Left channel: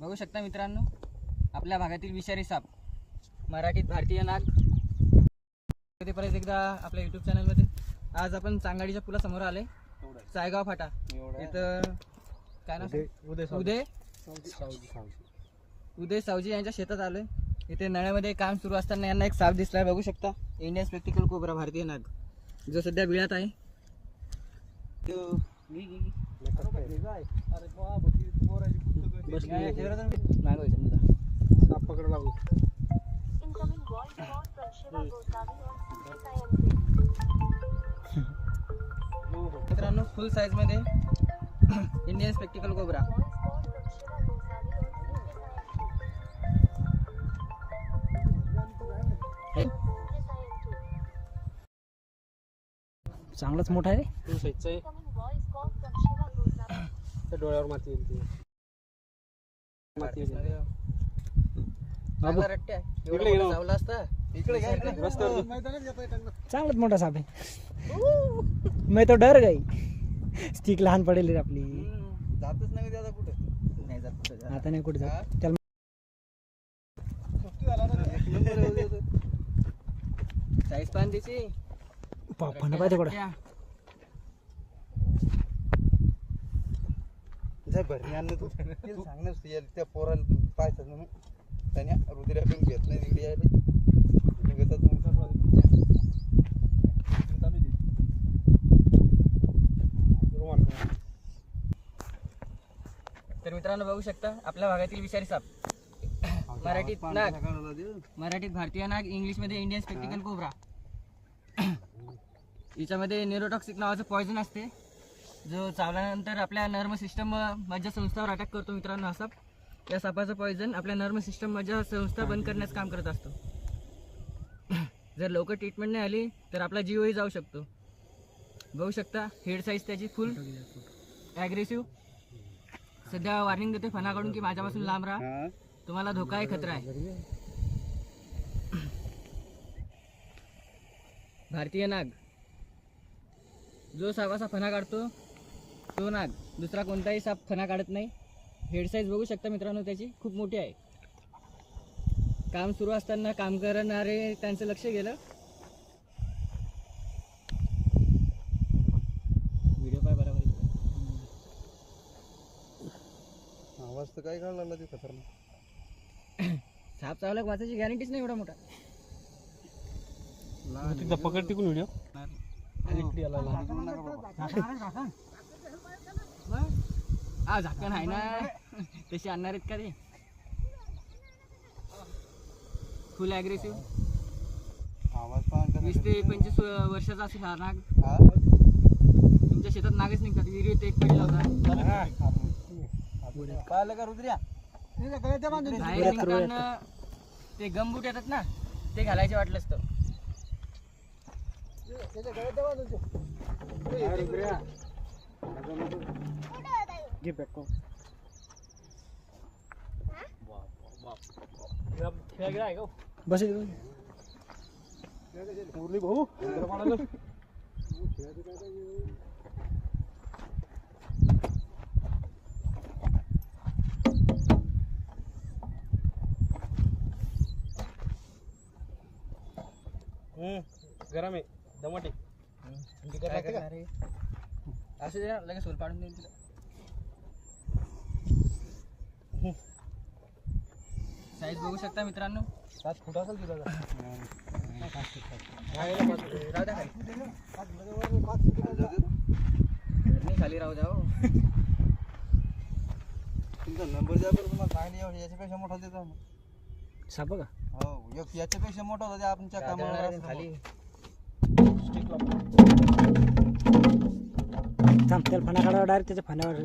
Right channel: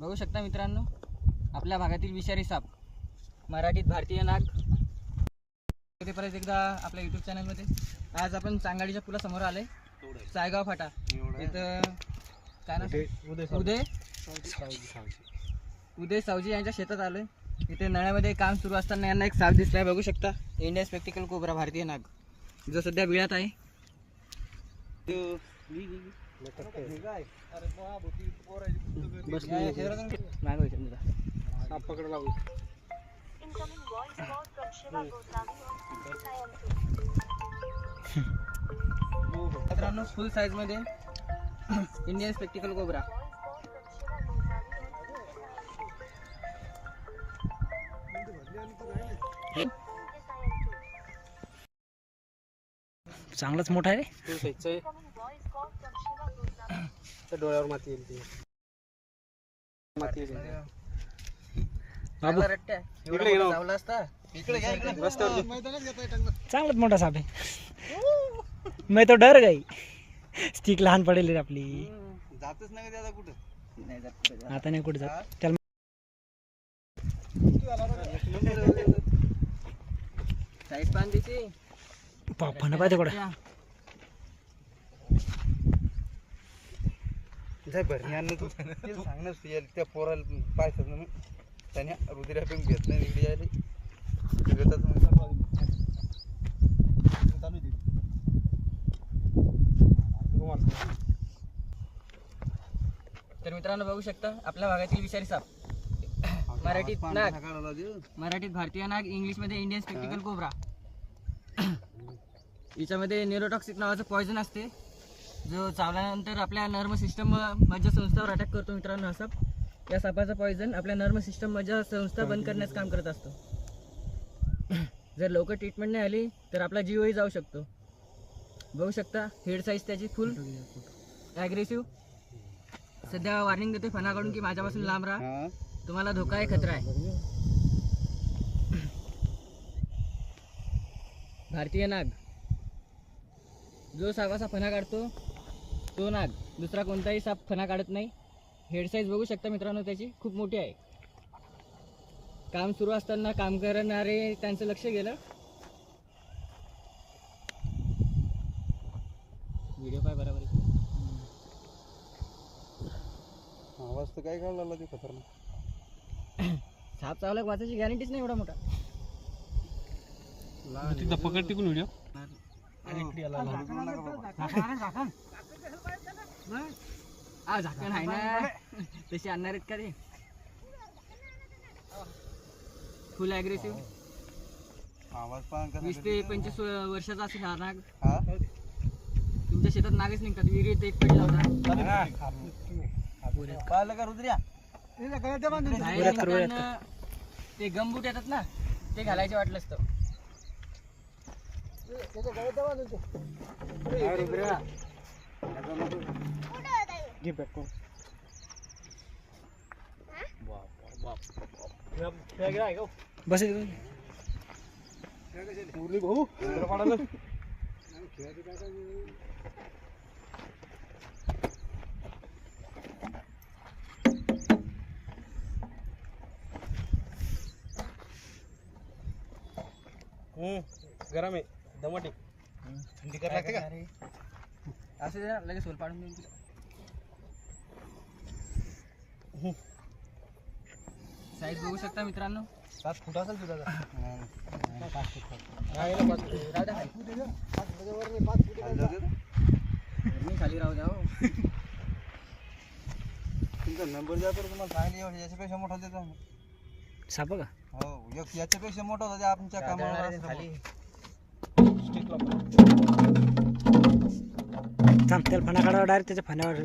बघू शकता मित्रांनो आपल्या भागातील विषारी साप मराठीत भारतीय नाग. ते परत एकदा आपल्या यूट्यूब चॅनलमध्ये आज आपण चांगाडीच्या पुलासमोर आले सायगाव फाटा. इथं काय ना उदय उदय सावजी. यांच्या शेतात आलोय. इथे नळ्यामध्ये काम सुरू असताना यांना एक साप दिसलाय. बघू शकता. इंडियन स्पेक्टिकल कोबरा भारतीय नाग. जो सध्या बिळात आहे. काय? अरे नाही पाप इंडियन स्पेक्टिकल कोबरा. चांगलाच मोठा आहे फुल साईजचं एक Goswami. डोळ्यावर माती येईल ती. माती येईल. बाबू. इकडे चावला असता. इकडे चांगलाच मोठा साप आहे. मी तो डर गई. स्टिक लहान पडेल रे आपली. जातच नाही त्याचा कुठं. नाही जात कुठे जात. आता नाही कुठे जात. त्याला साईज पान तिची फणं पाहिजे कुठं? जाय भरणी आणलं तू तू सांग ना तू त्या पोराला पाहायचं ना त्याने रुद्रा पण घेत नाही यायले घेतात तर मित्रांनो बघू शकता आपल्या भागातील विषारी साप. मराठीत नाग. मराठीत भारतीय नाग इंग्लिशमध्ये इंडियन स्पेक्टिकल कोबरा. याच्यामध्ये न्यूरोटॉक्सिक नावाचं पॉयझन असते. जो चावल्यानंतर आपल्या नर्म सिस्टम मज्जा संस्थावर अटॅक करतो मित्रांनो हा साप या सापाचं पॉयझन आपल्या नर्म सिस्टम मज्जा संस्था बंद करण्याचं काम करत असतो. जर लवकर ट्रीटमेंट नाही आली तर आपला जीवही जाऊ शकतो. बघू शकता हेड साईज त्याची फुल ॲग्रेसिव्ह सध्या वॉर्निंग देते फनाकडून की माझ्यापासून लांब राहा. तुम्हाला धोका आहे खतरा आहे. भारतीय नाग. जो सावासा फना फणा काढतो तो नाग दुसरा कोणताही साप फणा काढत नाही. हेड साईज बघू शकता मित्रांनो त्याची. खूप मोठी आहे. काम सुरू असताना काम करणारे त्यांचं लक्ष गेलं. व्हिडिओ काय बरोबर आहे? आवाज तर काय काढला ते खतरनाक? साप चावला वाचायची गॅरंटीच नाही एवढा मोठा. तिथं पकड तिकून व्हिडिओ हा झाकण आहे ना. तशी आणणार आहेत का ते फुल पाहून वीस ते पंचवीस वर्षाचा असेल हा नाग. तुमच्या शेतात नागच निघतात. विहिरीत एक पडला होता. ते गमबूट येतात ना ते घालायचे वाटलं असतं. घे पॅक बस. मुरली भाऊ. गरम आहे. दमट थंडी करायला लागते का? असं दे ना, लगेच सोल पाडून देईन तुला साईज बघू शकता मित्रांनो? पाच फूट असेल तुझा द्या. मी खाली राहू द्या हो. तुमचा नंबर द्या बरं तुम्हाला काय नाही याच्यापेक्षा मोठा देतो आम्ही. साप का? हो एक याच्यापेक्षा मोठा होता आहे खाली. थांब त्याला फणा काढावा डायरेक्ट त्याच्या फण्यावर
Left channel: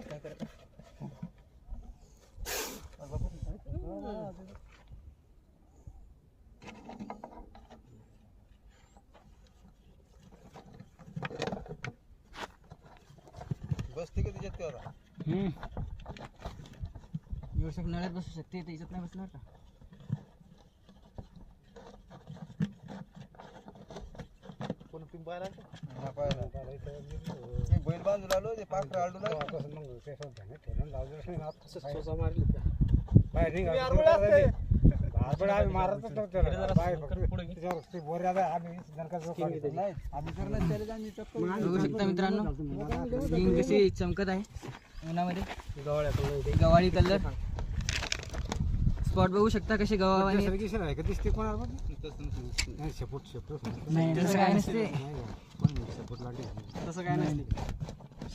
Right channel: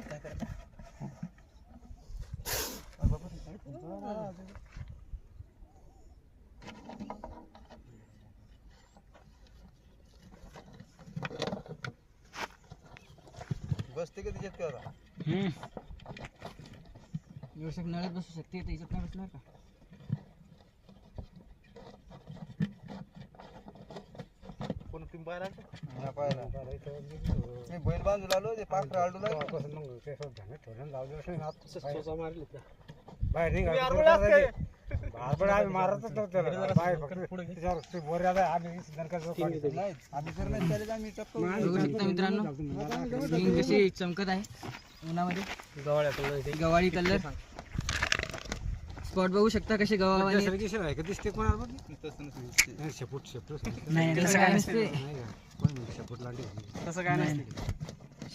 काय करता बसते का शकत नळ्यात बसू शकते त्याच्यात नाही बसणार का? कोण हा, पाहिला. मी बैल बांधून आलो ते पाखरं आडून आलं. नाही, आम्ही तर नाही चालत, आम्ही टप्पा बघू शकता मित्रांनो कशी चमकत आहे उन्हामध्ये गवाळी कलर स्पॉट बघू शकता कसे गवावाने. नाही तसं काय नसते. तसं काय नाही.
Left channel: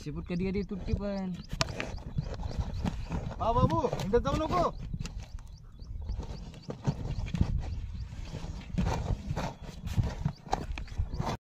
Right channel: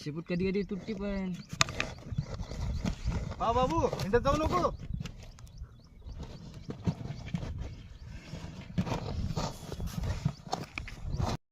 शेपूट कधी कधी तुटती पण. हा बाबू हिंडत जाऊ नको.